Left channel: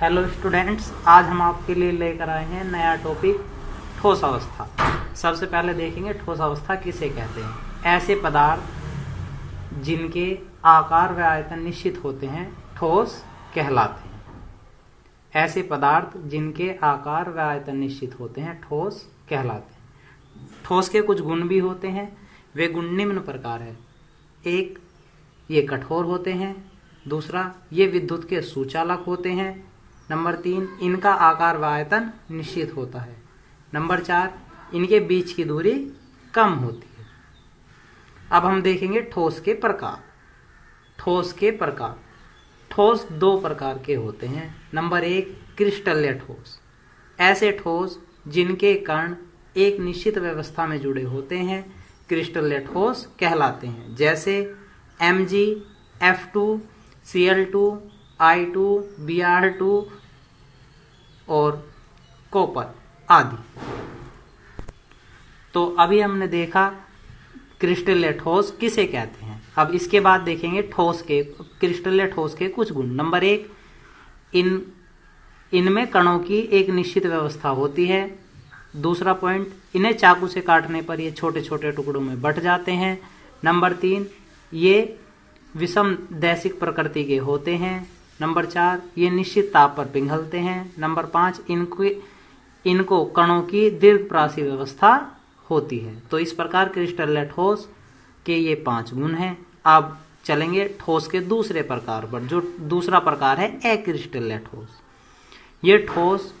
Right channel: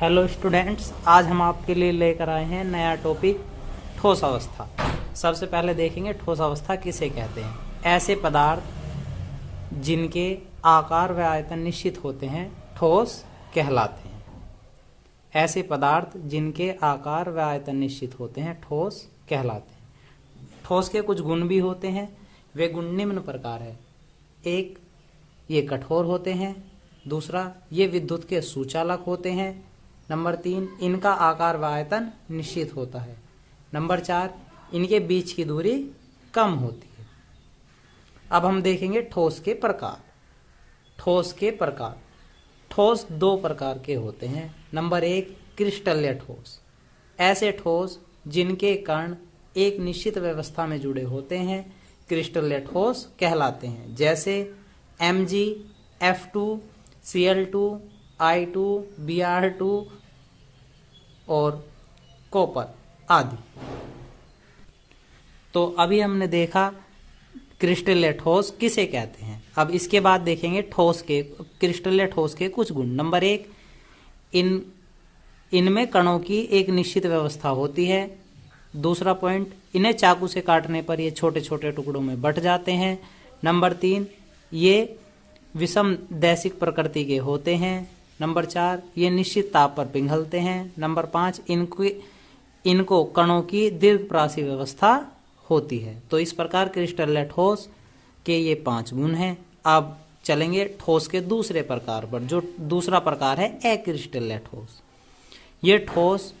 Hello students, आज हम आपके लिए लेकर आए हैं नया टॉपिक ठोस अवस्था। सबसे पहले देखेंगे ठोस अवस्था किसे कहते हैं। ऐसे पदार्थ जिनके आकार व आयतन निश्चित होते हैं ठोस कहलाते हैं। ऐसे पदार्थ जिनके आकार व आयतन निश्चित होते हैं ठोस कहलाते हैं। ठोस के कुछ गुण भी होते हैं। वे गुण निम्न प्रकार है। एक, ये कठोर होते हैं। दूसरा, ये विद्युत के सुचालक होते हैं। नंबर 3, इनका आकार व आयतन निश्चित होता है। नंबर 4, इनके बीच की दूरी कम होती है। अब हम देखेंगे ठोस के प्रकार। ठोस के प्रकार, ठोस दो प्रकार के होते हैं। नंबर 1, क्रिस्टलीय ठोस। ऐसे ठोस जिनके कण एक निश्चित व्यवस्था में जुड़े होते हैं क्रिस्टलीय ठोस कहलाते हैं। जैसे Mg, F2, Cl2, I2, Br2 और कॉपर आदि। तो अभी हमने देखा क्रिस्टलीय ठोस किसे कहते हैं। अब इसके बाद देखेंगे ठोस के क्रिस्टलीय ठोस के कुछ गुण। नंबर 1, इनमें कणों की एक निश्चित व्यवस्था होती है। दूसरा पॉइंट, इन्हें चाकू से काटने पर ये छोटे छोटे टुकड़ों में बंट जाते हैं। नंबर 3, ये विषम दैशिक प्रकृति के होते हैं। नंबर 4, ये निश्चित ताप पर पिघलते हैं। नंबर 5, इनको कणों की दीर्घप्रासी व्यवस्था होती है। तो इस प्रकार क्रिस्टलीय ठोस के ये 5 गुण हैं। अब चलेंगे ठोस के दूसरे प्रकार पर, जो दूसरा प्रकार है अक्रिस्टलीय ठोस। ये ठोस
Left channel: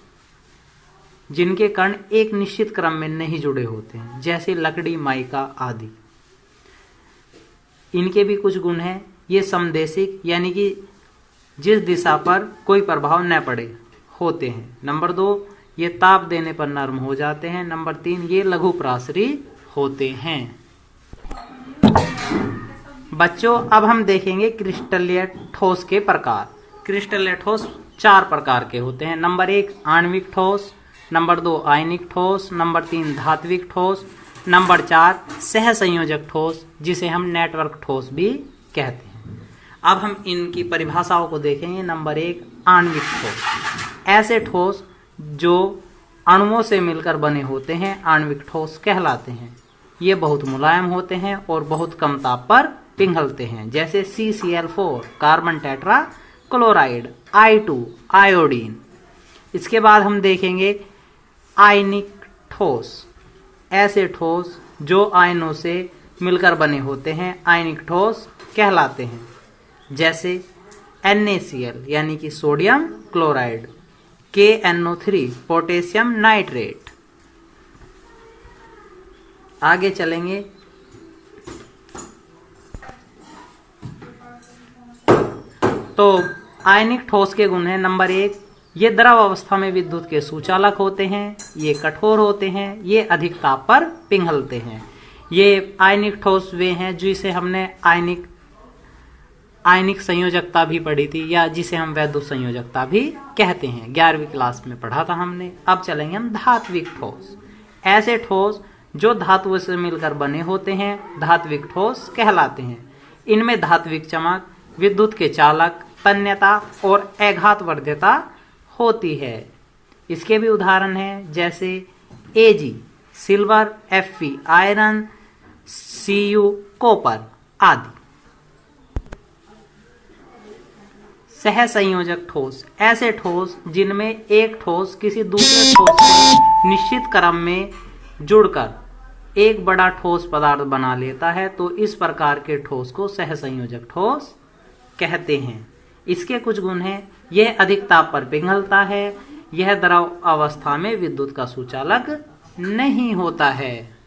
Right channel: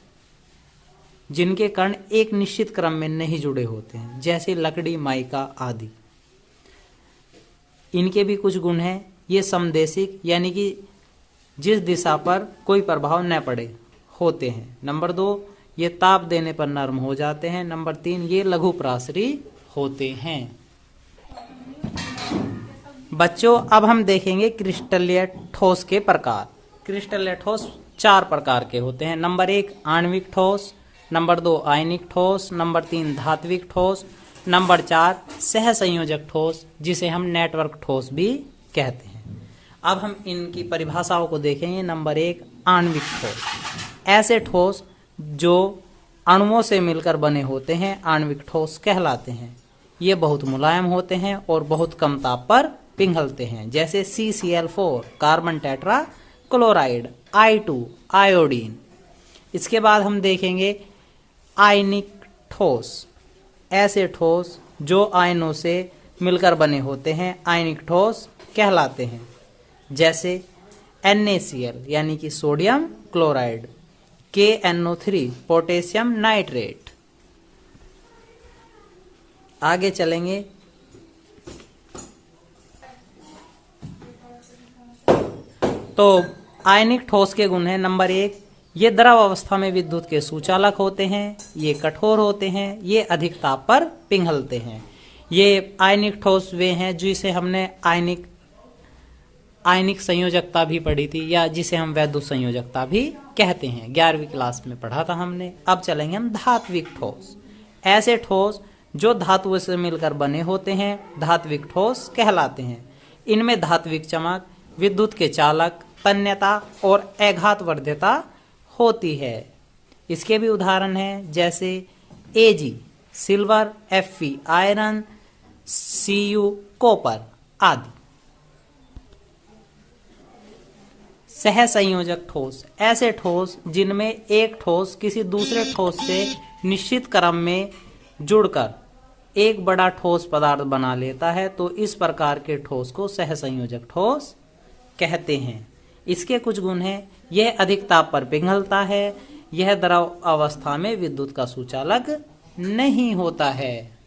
जिनके कण एक निश्चित क्रम में नहीं जुड़े होते हैं, जैसे लकड़ी, माइका आदि। इनके भी कुछ गुण हैं। ये समदेशिक यानी कि जिस दिशा पर कोई प्रभाव न पड़े होते हैं। नंबर 2, ये ताप देने पर नरम हो जाते हैं। नंबर 3, ये लघु प्रासरी होते हैं। बच्चों, अब हम देखेंगे क्रिस्टलीय ठोस के प्रकार। क्रिस्टलीय ठोस 4 प्रकार के होते हैं। नंबर 1, आणविक ठोस। नंबर 2, आयनिक ठोस। नंबर 3, धात्विक ठोस। नंबर 4, सहसंयोजक ठोस, जिसे हम नेटवर्क ठोस भी कहते हैं। अब हम इनकी परिभाषाओं को देखेंगे। नंबर 1, आणविक ठोस। ऐसे ठोस जो अणुओं से मिलकर बने होते हैं आणविक ठोस कहलाते हैं। ये बहुत मुलायम होते हैं और बहुत कम ताप पर पिघलते हैं। जैसे CCl4, carbon tetra chloride, I2, iodine. इसके बाद हम देखेंगे आयनिक ठोस। ऐसे ठोस जो आयनों से मिलकर बने होते हैं आयनिक ठोस कहलाते हैं। जैसे NaCl यानी कि sodium chloride, KNO3 potassium nitrate. आगे चलेंगे। तो आयनिक ठोस के गुण हैं। नंबर 1, ये द्रव अवस्था में विद्युत के सुचालक होते हैं। ये कठोर होते हैं। ये अधिक ताप पर पिघलते हैं। ये आयनिक ठोस वे हैं जिसे हमने आयनिक संयोजकता भी पढ़ी थी, या जिसे हम वैद्युत संयोजकता भी कहते हैं। 11वीं क्लास में पढ़ा था हमने। अब चलेंगे हम धात्विक ठोस। ऐसे ठोस जो धातुओं से मिलकर बने होते हैं धात्विक ठोस कहलाते हैं। इनमें धात्विक चमक, विद्युत के चालक, तन्यता और आघातवर्ध्यता होती है। इसके भी उदाहरण हैं, जैसे Ag silver, Fe iron, Cu copper आदि। सहसंयोजक ठोस। ऐसे ठोस जिनमें एक ठोस किसी दूसरे ठोस से निश्चित क्रम में जुड़कर एक बड़ा ठोस पदार्थ बना लेता है, तो इस प्रकार के ठोस को सहसंयोजक ठोस कहते हैं। इसके कुछ गुण हैं। यह अधिक ताप पर पिघलता है। यह द्रव अवस्था में विद्युत का सुचालक नहीं होता है।